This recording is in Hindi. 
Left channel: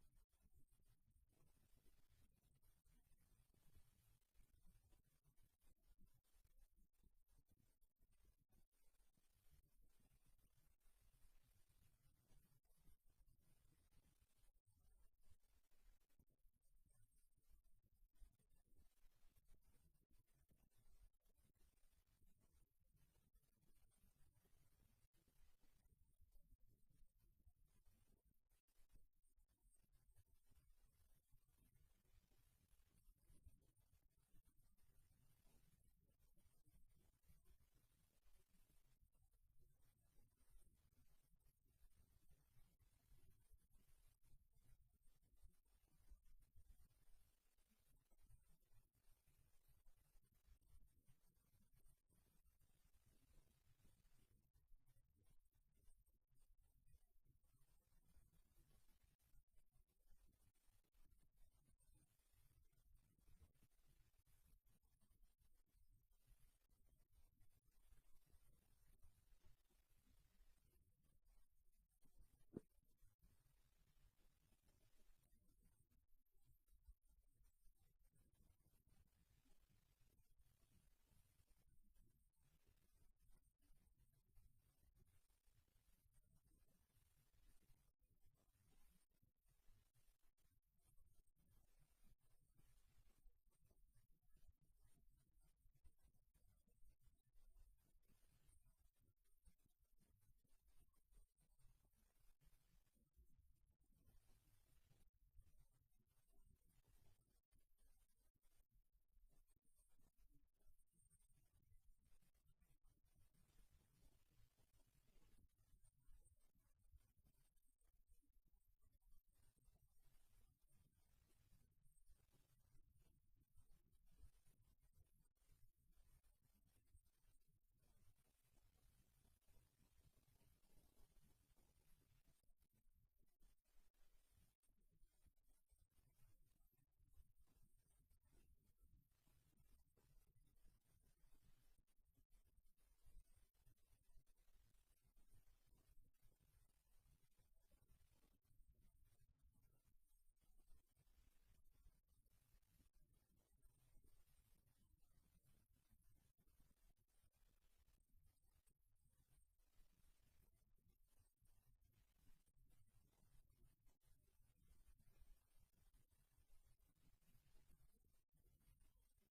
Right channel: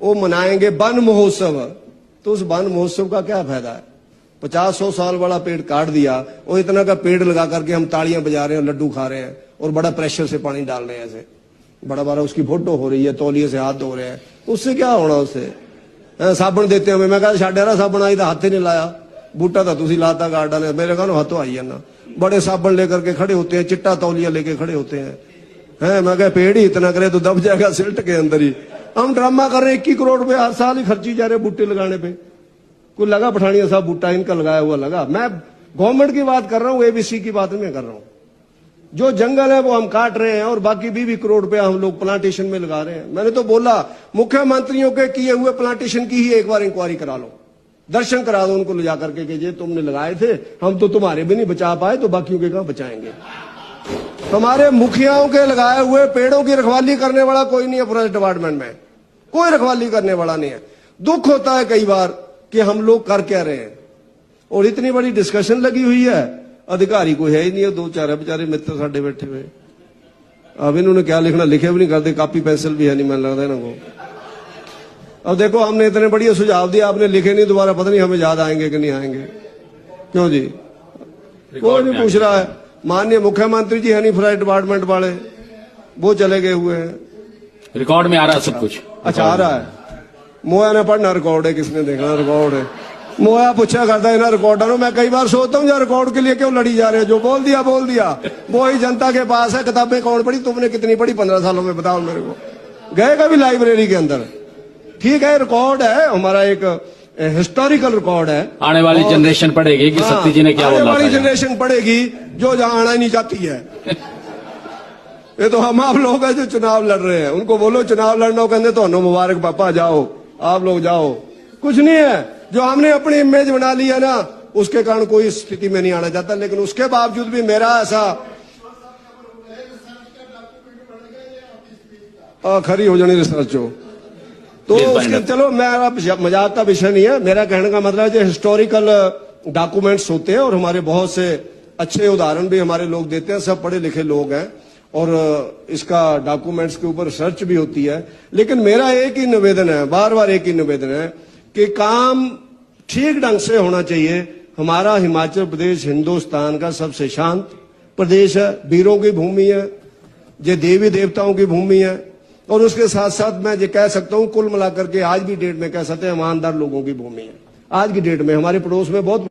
वो मनाएंगे वन महोत्सव, तो उस वन महोत्सव का क्या फायदा है? 50-100 साल वाला पेड़ काट दिया और इतना का पेड़ लगा करके हम तालियां बजा रहे हैं, लड्डू खा रहे हैं और बड़ा प्रेशर से पानी डाल रहे हैं, ऐसे बड़ा बड़ा उसकी फोटो हो रही है, तौलिए से हाथ धो रहे हैं, उससे क्या होना? उससे साबुन देते हमें, मैं कहा छाड़ा साबुन आई तो हाथ ही नहीं लाया, बूटा था तुसी लाता गार्डन है, मेरे कहा हाथों आई है ना, बड़े साबुन लेकर के खड़े होते हैं, चिट्टा तौलिया लेके खड़े होते हैं। मैं कहा पेड़ ही इतना करे तो दब जाएगा सिल्ट के अंदर ही। हम ड्रामा कर रहे हैं, 21 करोड़ रुपए हर साल ही खर्ची जा रहे बूटे लगाने पे। कोई लगा पठानिया साहब बूटा इनका लगाया हुआ लगा? मैं गवर्नमेंट की बात कर रहा हूँ, एबीसी की बात नहीं कर रहा हूँ। जो जंगल है वो हम काट रहे हैं और बाकी 20 करोड़ रुपया हम लोग प्लांटेशन में लगा रहे हैं। मैंने तो बोला मुख्यमंत्रियों के किए हुए प्लांटेशन की ही एक बार इंक्वायरी करा लो, दर्शन करा दो उनको ले जाकर के, ये तुमने लगाए थे, हम तो तुम्हारे भी नहीं बचा पाए तो बाकियों के कहां बचाएंगे? हमारे मुखियाओं के लगाए हुए पेड़ों की रखवाली करने वाला कोई नहीं है फॉरेस्ट डिपार्टमेंट में, कोई रखवाली करने वाला नहीं है। दुख होता है कई बार कि हम लोग कर क्या रहे हैं, और इतनी बड़ी डिस्कशन लगी हुई है, अधिकारी कोई है ही नहीं है, 2-4 बेचारे मित्र साढ़े बैठे हुए। अब इन्होंने क्या लिखना, लिखे भी नहीं करते, कॉपी पेंसिल भी है नहीं, मैंने लगता है ना वो। अब देखो हमने इतने बढ़िया सुझाव दिया, आपने लिखे नहीं, दोबारा पता नहीं हमें याद आएंगे कि नहीं आएंगे। क्यों जी? कोई नहीं पूछ रहा है। माननीय मुख्यमंत्री जी है नहीं फॉरेस्ट डिपार्टमेंट वाले, वो चले गए हुए हैं। रिकॉर्ड में आ रहा है सब कुछ। अच्छा आ रहा है। मोया ने पढ़ना रिकॉर्ड है, किसने देखना रिकॉर्ड है? मोया पूछा करता है ना रिकॉर्डर। मैं कई बार सोचता हूँ यार रिकॉर्ड के लिए क्यों लड़ी जा रहे हो? जो बोल दिया वो ही जनता के पास है। किताबें कौन पढ़ी? तुमने कितनी पढ़ी 15 सालों में? बताओ मेरे को। गए कभी लाइब्रेरी के अंदर? ठीक है रिकॉर्ड है हमारा, एक हिस्टोरिकल रिकॉर्ड है। आने वाली जनरेशन पढ़ेगी कि सत्ती जी ने क्या बोला। आने वाली जनरेशन पढ़ेगी जो जहां आना ही नहीं चाहती है। ये तो हम आप लोग हैं जो चुनाव लड़ रहे हैं, उनको बोलो चुनाव लड़ना, कहते तो मुबारक पापा, जाओ आप लोग जाओ। कुछ नहीं है, जो हमने अपनी इमेज बना ली है ना, उसके कारण कोई स्थिति में नहीं आना चाहता। लेकिन उसके बावजूद भी मेरा ऐसा खरी हो जानी रिसर्च हो तो उसके, चलो मेरा मजाक का विषय नहीं है। मेरा कहने का मतलब है जो हिस्टोरिकल डॉक्यूमेंट्स होते हैं, और हमारे बहुत से अच्छे उदाहरण भी हमारे लोग देते हैं, सब पढ़े लिखे लोग हैं, और इसका डॉक्यूमेंट्स के ऊपर रिसर्च भी होती है। लेकिन मेरा एक ही निवेदन है, बार बार एक ही निवेदन है कि काम ठीक ढंग से होना चाहिए। हमारा हिमाचल प्रदेश हिंदुस्तान का सबसे शांत प्रदेश है, वीरों की भूमि है, ये देवी देवताओं की भूमि है, और उसके साथ साथ मैं ये कह सकता हूं कुल मिलाकर के आज भी डेट में कह सकते हैं ईमानदार लोगों की भूमि है। आज की डेट में हमारे पड़ोस में बहुत